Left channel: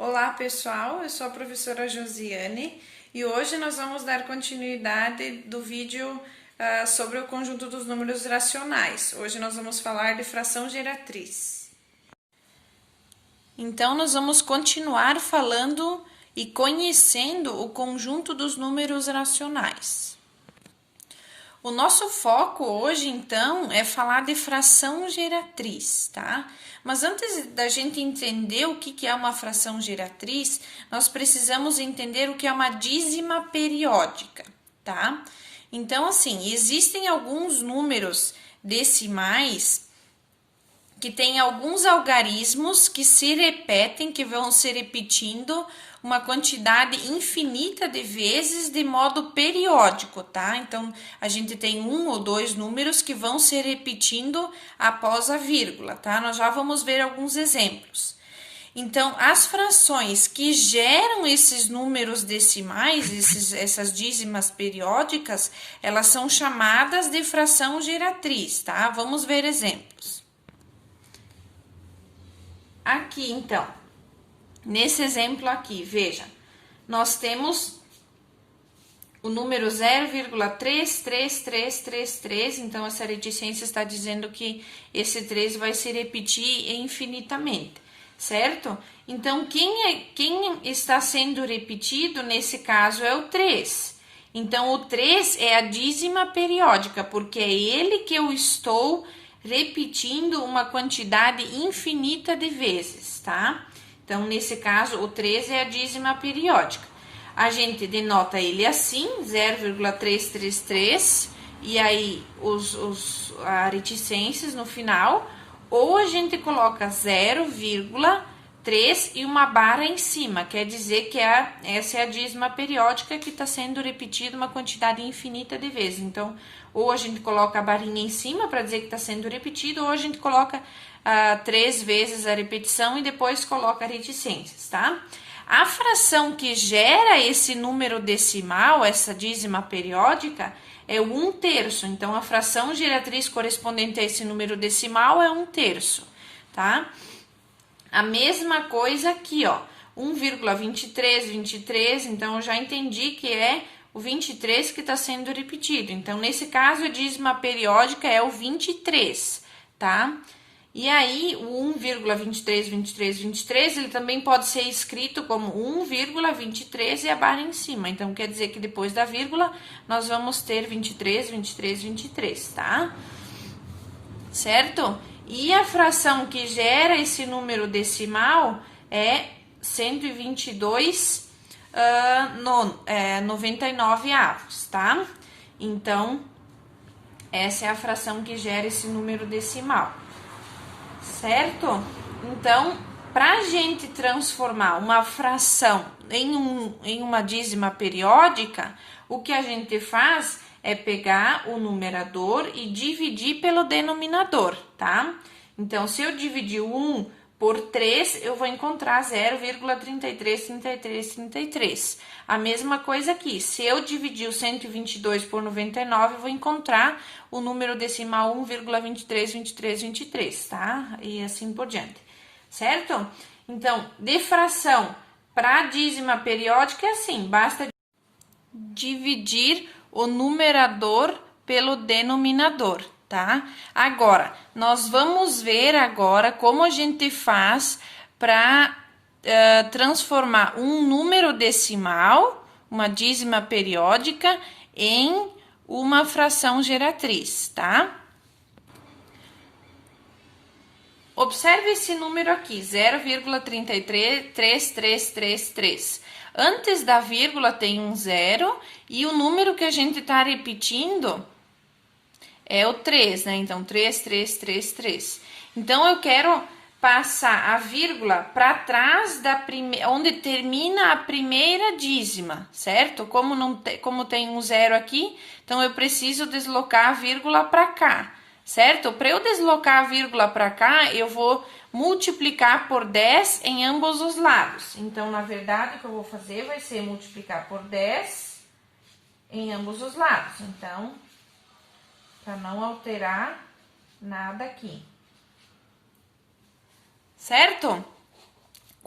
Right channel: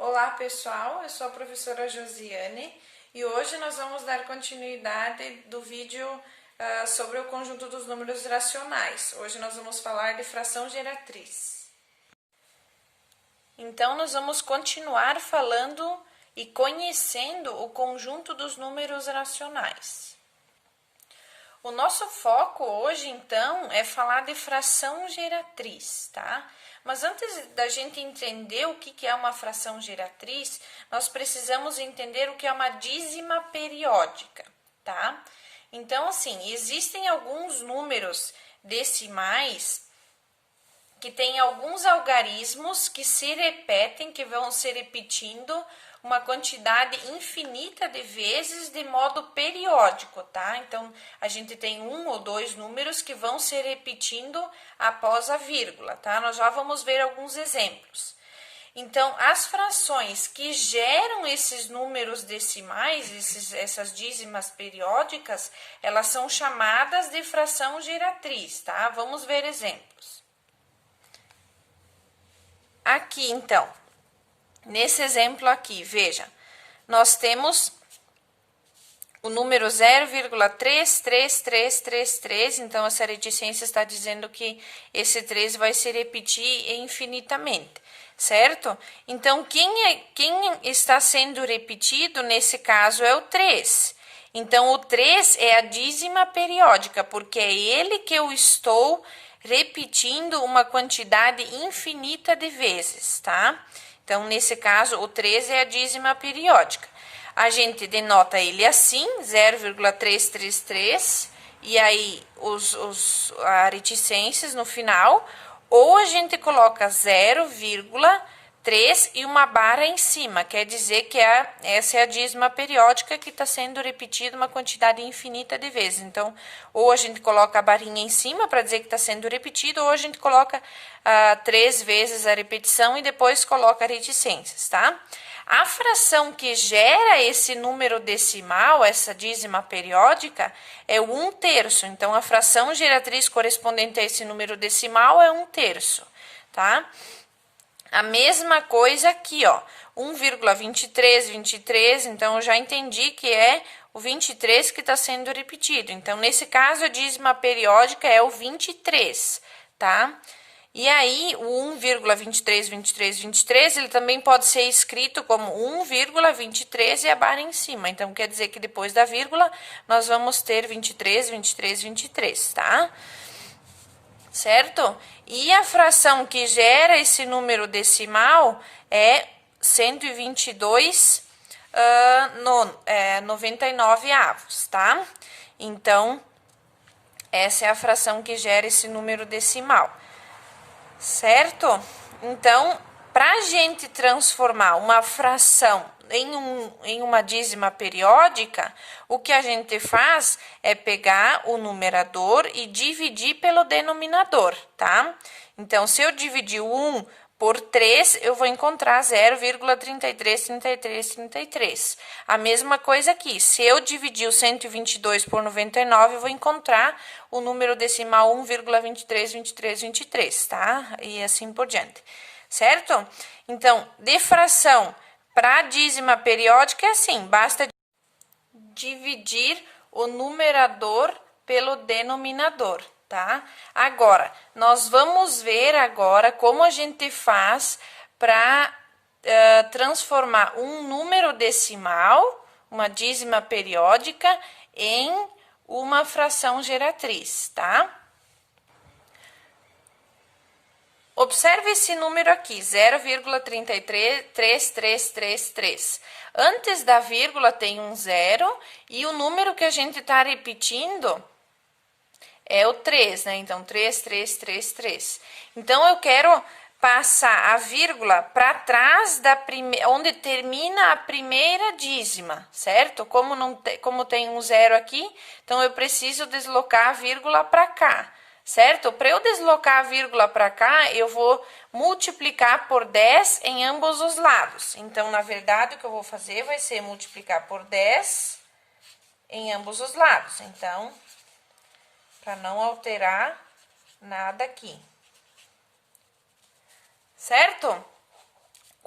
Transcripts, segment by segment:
Olá pessoal, eu sou a professora Josiane e hoje nós vamos dar continuidade do vídeo sobre o conjunto dos números racionais. Hoje nós vamos falar de fração geratriz. Então nós vamos continuar falando e conhecendo o conjunto dos números racionais. O nosso foco hoje, então, é falar de fração geratriz, tá? Mas antes da gente entender o que é uma fração geratriz, nós precisamos entender o que é uma dízima periódica, tá? Então, assim, existem alguns números decimais que têm alguns algarismos que se repetem, que vão se repetindo uma quantidade infinita de vezes de modo periódico, tá? Então, a gente tem um ou dois números que vão se repetindo após a vírgula, tá? Nós já vamos ver alguns exemplos. Então, as frações que geram esses números decimais, essas dízimas periódicas, elas são chamadas de fração geratriz, tá? Vamos ver exemplos. Aqui, então, nesse exemplo aqui, veja, nós temos o número 0,33333, então essa reticência está dizendo que esse 3 vai se repetir infinitamente, certo? Então, quem está sendo repetido nesse caso é o 3. Então, o 3 é a dízima periódica, porque é ele que eu estou repetindo uma quantidade infinita de vezes, tá? Então, nesse caso, o 3 é a dízima periódica. A gente denota ele assim, 0,333, e aí as reticências no final, ou a gente coloca 0,3 e uma barra em cima, quer dizer que essa é a dízima periódica que está sendo repetida uma quantidade infinita de vezes. Então, ou a gente coloca a barrinha em cima para dizer que está sendo repetido, ou a gente coloca 3 vezes a repetição e depois coloca reticências, tá? A fração que gera esse número decimal, essa dízima periódica, é o 1/3. Então, a fração geratriz correspondente a esse número decimal é 1/3, tá? A mesma coisa aqui, ó, 1,2323, então eu já entendi que é o 23 que está sendo repetido. Então, nesse caso, a dízima periódica é o 23, tá? E aí, o 1,232323, ele também pode ser escrito como 1,23 e a barra em cima. Então, quer dizer que depois da vírgula, nós vamos ter 23, 23, 23, tá? Certo? E a fração que gera esse número decimal é 122 99 avos, tá? Então, essa é a fração que gera esse número decimal. Certo? Então, para a gente transformar uma fração em uma dízima periódica, o que a gente faz é pegar o numerador e dividir pelo denominador, tá? Então, se eu dividir o 1 por 3, eu vou encontrar 0,333333. A mesma coisa aqui, se eu dividir o 122 por 99, eu vou encontrar o número decimal 1,232323, tá? E assim por diante, certo? Então, de fração para dízima periódica é assim, basta dividir o numerador pelo denominador, tá? Agora, nós vamos ver agora como a gente faz para transformar um número decimal, uma dízima periódica, em uma fração geratriz, tá? Observe esse número aqui, 0,333333. Antes da vírgula tem um zero e o número que a gente está repetindo é o 3, né? Então, 3333. Então, eu quero passar a vírgula para trás onde termina a primeira dízima, certo? Como tem um zero aqui, então eu preciso deslocar a vírgula para cá, certo? Para eu deslocar a vírgula para cá, eu vou multiplicar por 10 em ambos os lados. Então, na verdade, o que eu vou fazer vai ser multiplicar por 10 em ambos os lados. Então, para não alterar nada aqui. Certo?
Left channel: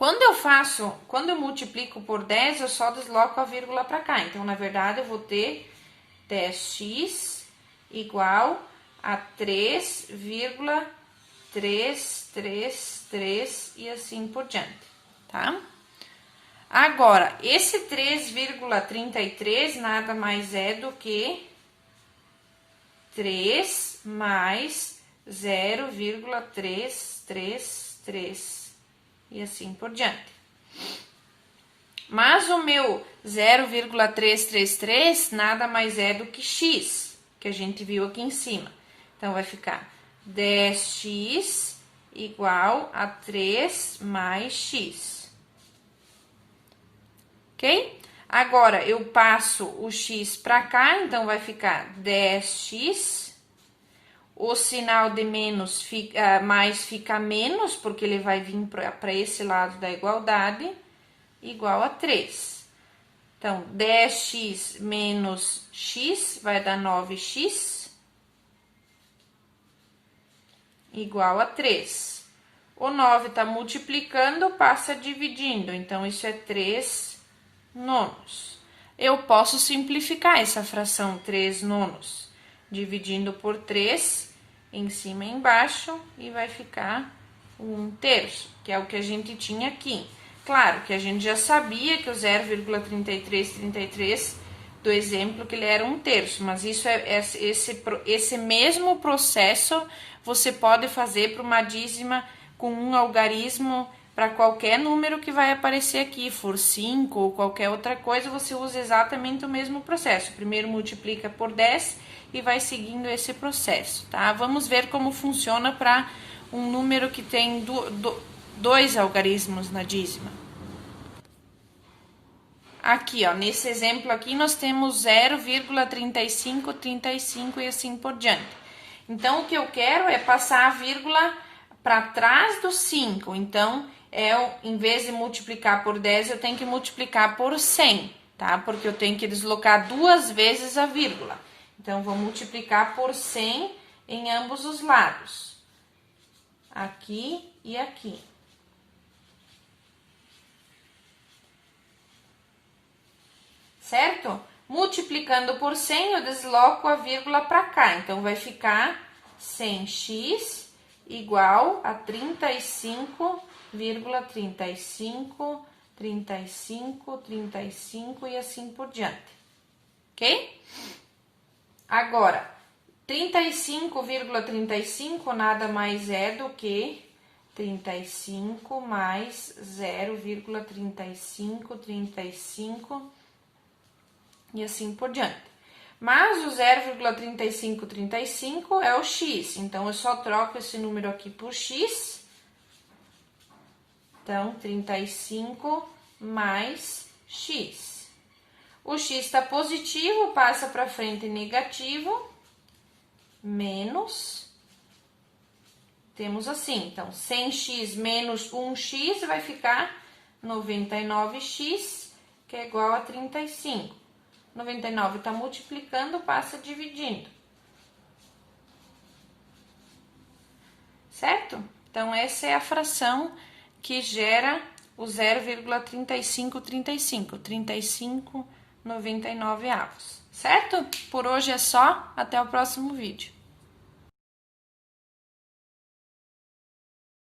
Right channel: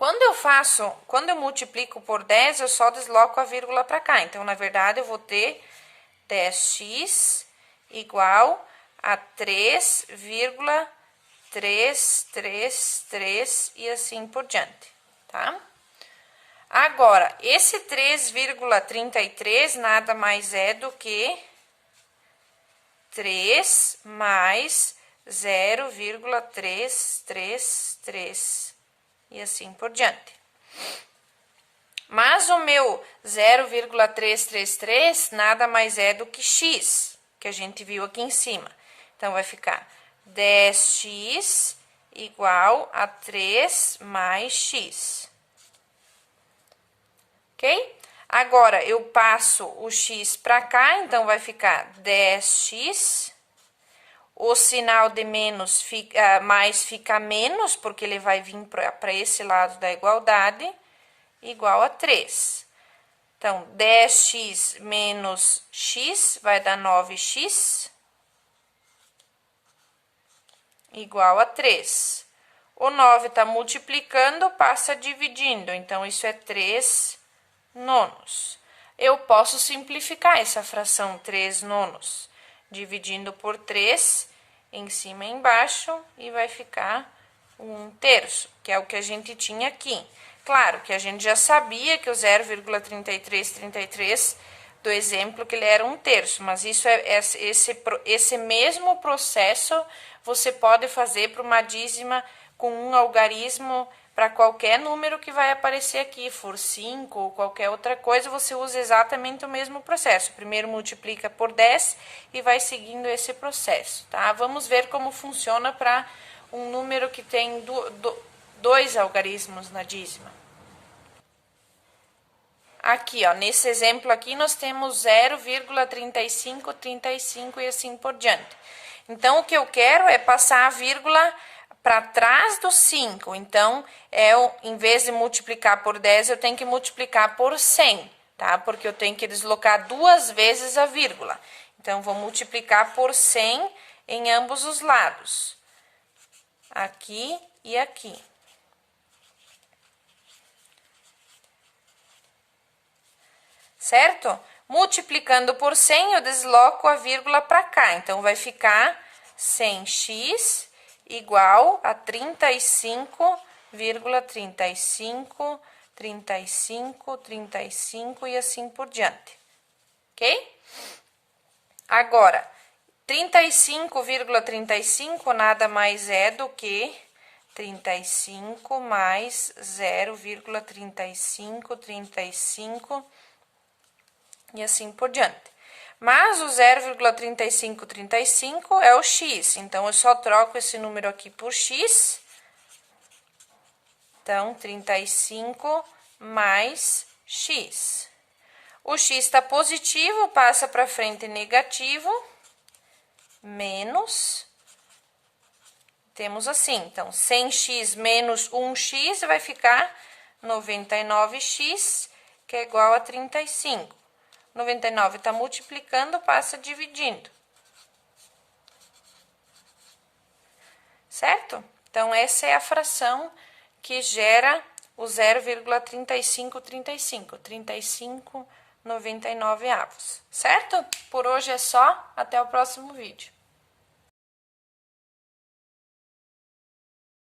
Quando eu multiplico por 10, eu só desloco a vírgula para cá. Então, na verdade, eu vou ter 10x igual a 3,333 e assim por diante, tá? Agora, esse 3,33 nada mais é do que 3 mais 0,333 e assim por diante. Mas o meu 0,333 nada mais é do que x, que a gente viu aqui em cima. Então, vai ficar 10x igual a 3 mais x. Ok? Agora, eu passo o x para cá, então vai ficar 10x. O sinal de menos mais fica menos, porque ele vai vir para esse lado da igualdade, igual a 3. Então, 10x menos x vai dar 9x, igual a 3. O 9 está multiplicando, passa dividindo, então isso é 3 nonos. Eu posso simplificar essa fração 3 nonos, dividindo por 3 em cima e embaixo, e vai ficar 1/3, que é o que a gente tinha aqui. Claro que a gente já sabia que o 0,3333 do exemplo que ele era 1/3, mas isso esse mesmo processo você pode fazer para uma dízima com um algarismo para qualquer número que vai aparecer aqui, for 5 ou qualquer outra coisa, você usa exatamente o mesmo processo. Primeiro multiplica por 10 e vai seguindo esse processo, tá? Vamos ver como funciona para um número que tem dois algarismos na dízima. Aqui, ó, nesse exemplo aqui, nós temos 0,3535 e assim por diante. Então, o que eu quero é passar a vírgula para trás do 5. Então, em vez de multiplicar por 10, eu tenho que multiplicar por 100, tá? Porque eu tenho que deslocar 2 vezes a vírgula. Então, vou multiplicar por 100 em ambos os lados. Aqui e aqui. Certo? Multiplicando por 100, eu desloco a vírgula para cá. Então, vai ficar 100x igual a 35,35, 35, 35 e assim por diante. Ok? Agora, 35,35 nada mais é do que 35 mais 0,35, 35 e assim por diante. Mas o 0,3535 é o x, então eu só troco esse número aqui por x. Então, 35 mais x. O x está positivo, passa para frente negativo, menos. Temos assim, então, 100x menos 1x vai ficar 99x, que é igual a 35. 99 está multiplicando, passa dividindo. Certo? Então, essa é a fração que gera o 0,3535, 35,99 avos. Certo? Por hoje é só, até o próximo vídeo.